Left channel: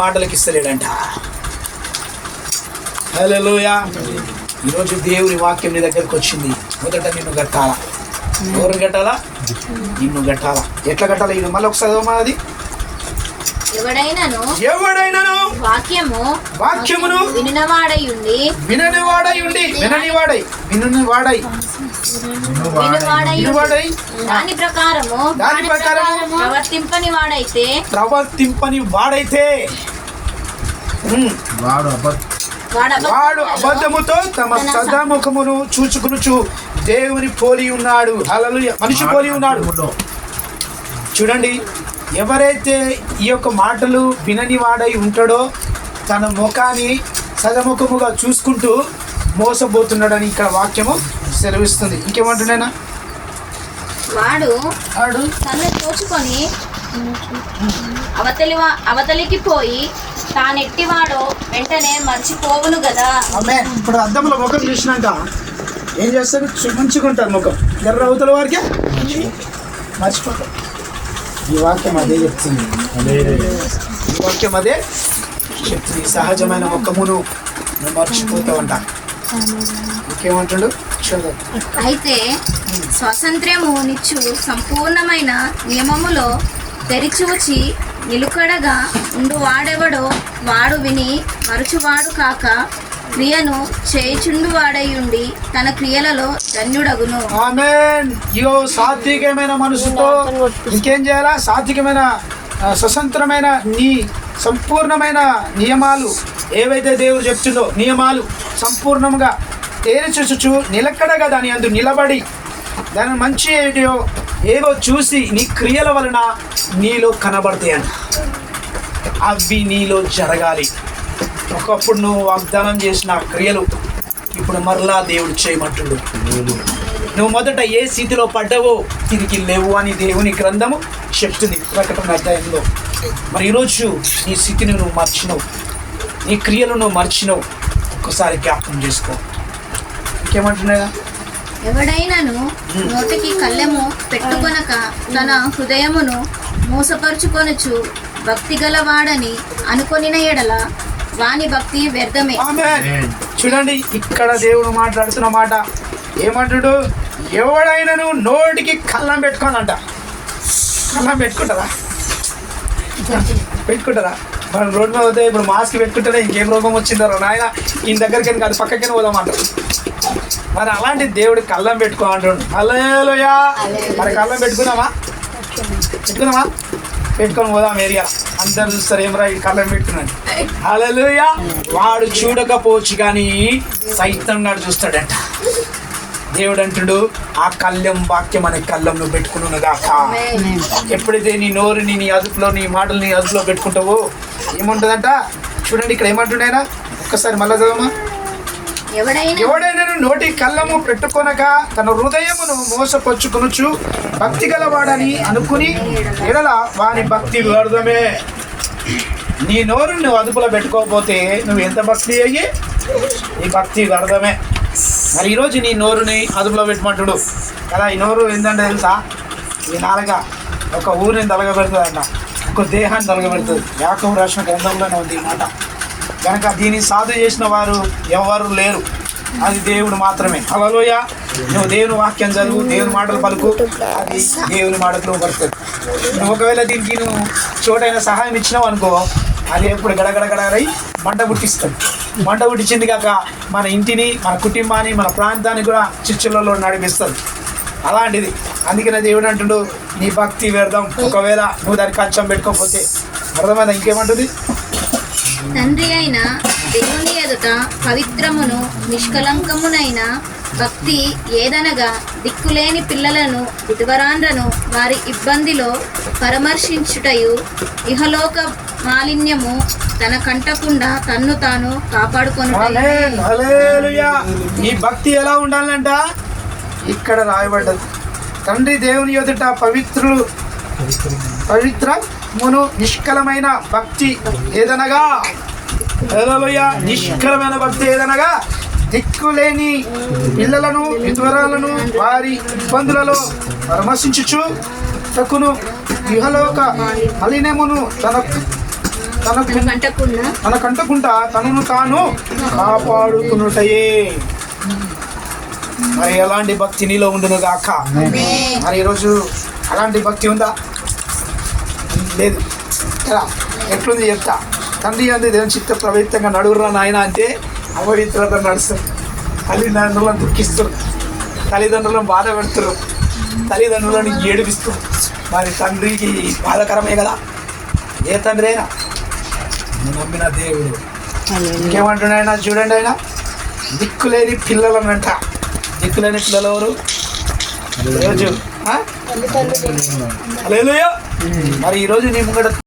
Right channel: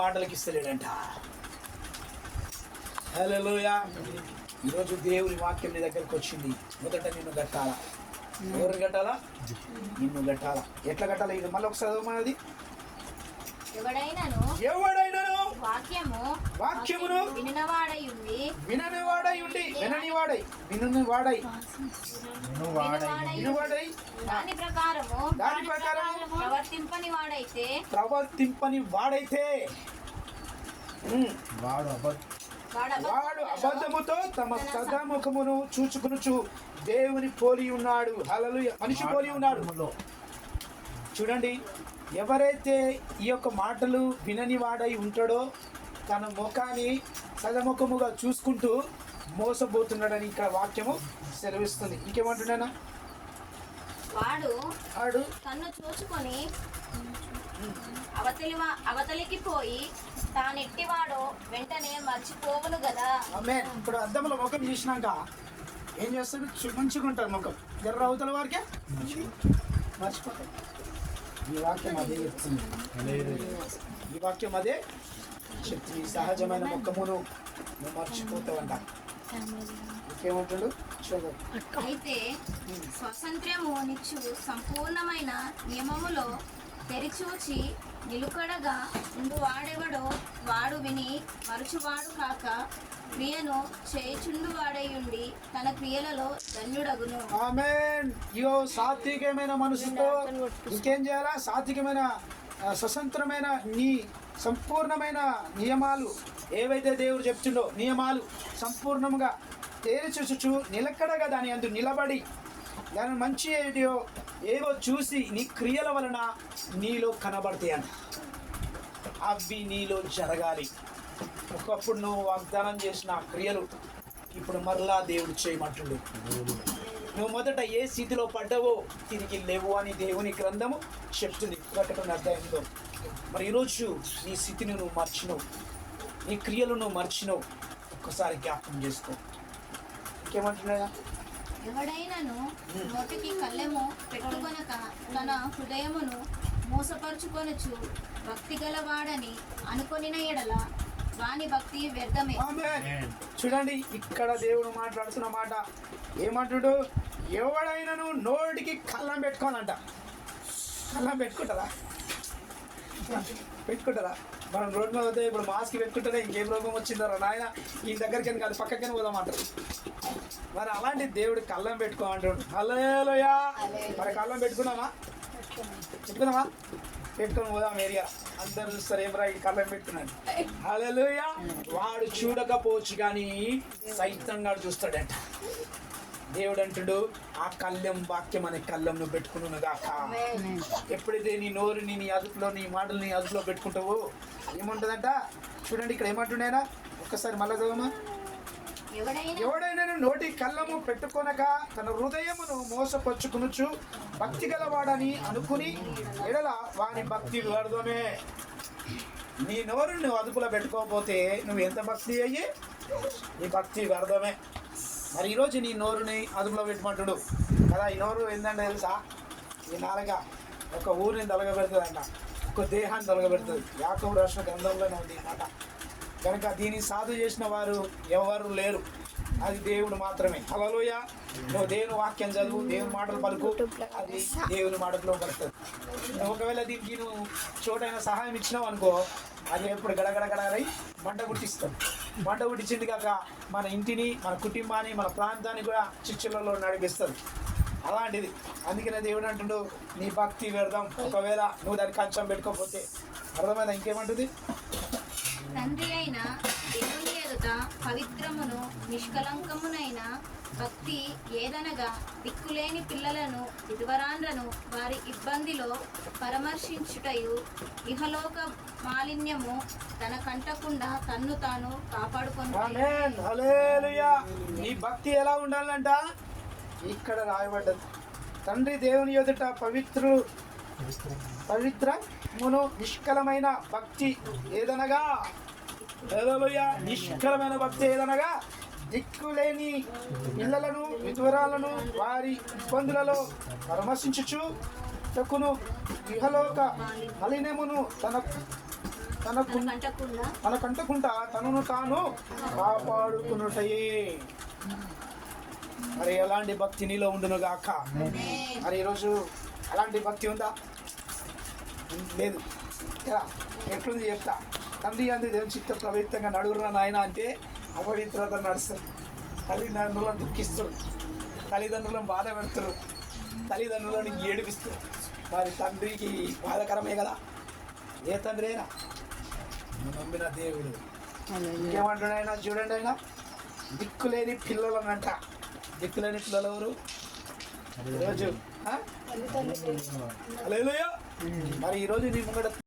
మాటలకి ఇస్తలేడంట. హల్లెలూయా. ఈరోజు దేవుని వాక్యం నీ దగ్గరకు వచ్చింది. మొదట నిన్ను కట్టాలా. ఎవరు కట్టాలా? నిన్ను కట్టాలా. ఎట్లా కట్టాలా? ఇది మళ్ళీ ఒకసారి అది ఎవడైనాను వాక్యమును వినినవాడై దాని ప్రకారము ప్రవర్తింపని వాడైతే వాడు అబద్ధముతో తమ సదాముఖమును చూచుకునుచు దేవుని పోలి ఉన్నాడు. హల్లెలూయా. మనిషి పోలి ఉన్నాడు. చూడండి, ఎవరైతే ఈ యొక్క మాటలు వినని వాడై ఉంటాడో తన ముఖాన్ని సదముఖముగా చూసుకుంటూ మోసపోతున్నాడని ఇక్కడ వాక్యము సెలవిస్తుంది. ఇంకేమంటున్నానా? వాడు తను తోచుకొని అవతలికి పోయి తానెట్టివాడో వెంటనే మర్చిపోవును కదా. ఇప్పుడు అద్దంలో ముఖం చూసినాక ఏం చేస్తాడు? మంచుకుంటారు ముఖం. ఎర్ర అవతల వారికి మర్చిపోతారు. ఈ వాక్యం అదే చెప్తుంది. ఈ వాక్యం అదే చెప్తుంది. సహజమైన ముఖమును నువ్వు మర్చిపోతావంట. ఇంకేమంటాడు? అయితే స్వాతంత్ర్యము నిచ్చు సంపూర్ణమైన నియమములో తెరిచూచి నిలుకడగా ఉండు వాడెవడో వాడు విని మరచువాడు కాక క్రియను చేయుచుండు వాడయుండి తన క్రియలలో ధన్యుడగును. ఆమేన్. ఇగో సాత్వికమైన మనసుతో ఇంకేం చేయాలా? సాత్వికమైన స్వతంత్రమైన నీ సంపూర్ణమైన నియమాలు ఏవైతే దేవుడు చెప్తుందో నియమాలు సంపూర్ణంగా తేల్చుచు నిలకడగా దాని అందు నిలబడి దాని మంచి ఏవో చూసి నీ క్రియల వలన నీలో కనబడతాయంట. అవి నీలో జరగాలి. ఒకప్పుడు నువ్వు వాగ్దానం చేసిన క్రియలు ఇప్పుడు మరలా దేవుడు చేయమంటుడు. నువ్వు మొదట ఏ స్థితిలో పడ్డావో తిరిగి లేవు అని దేవుని గ్రంథము చెప్తుంది ప్రకటన అధ్యాయంలో. మరి ఈరోజు నీ స్థితిని నువ్వు మర్చినవు, నీ క్రియలు నువ్వు మర్చినవు. ఒక్కసారి జ్ఞాపకం చేసుకో. ఇంకేమంటున్నాయా? ఎవడైనాను నోటికి కళ్ళెము పెట్టుకొనక తన హృదయమును మోసపరుచుకొనుచు భక్తి గలవాడని అనుకొనిన ఎడల వాని భక్తి వ్యర్థమే. చూడండి, ఇక్కడ దేవుడు మాట్లాడుతున్న మాట ఏమంటాడు? ఎవడైనాను నోటికి కళ్ళం పెట్టుకోనంట. కళ్ళం పెట్టుకుంటారా? మనం రోడ్డు మీద పోతే ఇప్పుడు మాస్క్ పెట్టుకుంటేనే ఇంకేం రోగం వచ్చిందో నాయన ఈయన దగ్గరికి కాదు పక్కకైనా పోదామంటారు. మరి అలాంటి దేవుడు కళ్ళం పెట్టుకోమంటాడు. హల్లెలూయా. మరి కళ్ళం పెట్టుకున్నామా? పెట్టుకొని పోదాం ఏరియా. అందరు చూస్తారు, ఏమరా ఈ కళ్ళం పెట్టుకున్నాడు. హల్లెలూయా. వాడు చూడకపోవచ్చు కానీ సైతం నాడు చూస్తాడంట. దేవుడు అంటుడు, ఆ కళ్ళెం వాక్యం అనే కళ్ళం నువ్వు పెట్టుకున్నదాకా. ఎప్పుడైతే నీ నోరుని నీ అదుపులో, నీ మాటలు నీ అదుపులో పెట్టుకుంటావో ఏముంటుందంట? చూడండి, ఇక్కడ ఏమంటున్నాయినా ఒక్కసారి మళ్ళా చదవమా. ఎవడైనా నోటి కళ్ళము పెట్టుకొనక తన హృదయమును మోసపరుచుకొనుచు భక్తి గలవాడని అనుకుని ఎడల వాని భక్తి వ్యర్థమే. నీ నోరు నువ్వు అదుపులో పెట్టుకోకపోతే నువ్వు ఎంత భక్తి అయ్యి నీ భక్తి వ్యర్థమే. మరి ఈరోజు నీ నోరుని అదుపులో పెట్టమంటుడు కదా. ఈ నోరు ఏంటంటే తెలుసా? ఈ నాలుగ ఒక ఊరిని తలగబెడుతుంది అంట, ఒక దేహాన్ని తలగబెడుతుంది. యాకోబు రాసిన గ్రంథంలోనే ఉంది ఈ మాట. కనుక దీన్ని సాధు చేసిన వారు ఎవరు లేరు, అది దేవుడు మాత్రమే. హల్లెలూయా. నువ్వు దేవుని వాక్యం చదువు, దేవుని మాటలు పలుకు, అది దేవుని మాటలు పడుతుంది. నువ్వు ఒకవేళ దీనికి నువ్వు చోటైన సహాయం ఇచ్చినావు అనుకో, అది ఎప్పుడు గడగడగడగై మంట పుట్టిస్తుంది. మంట పుట్టించింది కాక మన ఇంటిని, మన కుటుంబాన్ని, మన ప్రాంతాన్ని కూడా చిచ్చులలో నడిపిస్తుంది. అలాంటిది. అందుకనే దేవుడు అంటుండు, నీ భక్తి వ్యర్థం. ఒకవేళ నువ్వు దానికి కంచం పెట్టుకోకపోతే. అర్థమైందా? ఇంకేమంటుంది? తండ్రి అయిన దేవుని ఎదుట పవిత్రమును నిష్కలంకమునైన భక్తి ఏదనగా దిక్కులేని పిల్లలను విధవరాండ్రను వారి ఇబ్బందిలో పరామర్శించుటయు ఇహలోక మాలిన్యము తన కంటకుండా తన్ను తాను కాపాడుకొనుటయు. హల్లెలూయా. ఈ భక్తి ఎలా ఉండాలంట? ఇక్కడ రాయబడ్డది. తండ్రి దేవుని ఎదుట పవిత్రమును నిష్కలమైన భక్తి ఏదనగా, హల్లెలూయా, నిష్కలమైన భక్తి ఏదనగా దిక్కులేని పిల్లలను విధవరాలను వారి ఇబ్బందులలో పరామర్శించుచు తక్కును ఇహలోక మలినమును తనకంటకుండా తనను తాను కాపాడుకునుటయే. మరి ఎలాంటి భక్తి నీలో ఉండును గాక. మరి ఈరోజు అలాంటి భక్తి ఉందా? లేదు. ఎలా ఎట్లుంది చెప్తా. తండ్రి అంది దేవుని చిత్త ప్రవృత్తంగా నడుగురా నాయన అంటే అపవిత్రత నడుస్తారు. తల్లిదండ్రులను దుఃఖిస్తారు, తల్లిదండ్రులను బాధ పెడుతున్నారు, తల్లిదండ్రులను ఏడిపిస్తారు. మరి తండ్రికి బాధకరమే కదా. ఏ తండ్రి అయినా నమ్మిన దేవుడు ఇంకేమంటున్నాయన చూడండి. ఆయన దిక్కులేని పిల్లలనంట. దిక్కులేని పిల్లలు ఎవరు? ఈరోజు హల్లెలూయా. మరి ఈరోజు నీ ముంగడ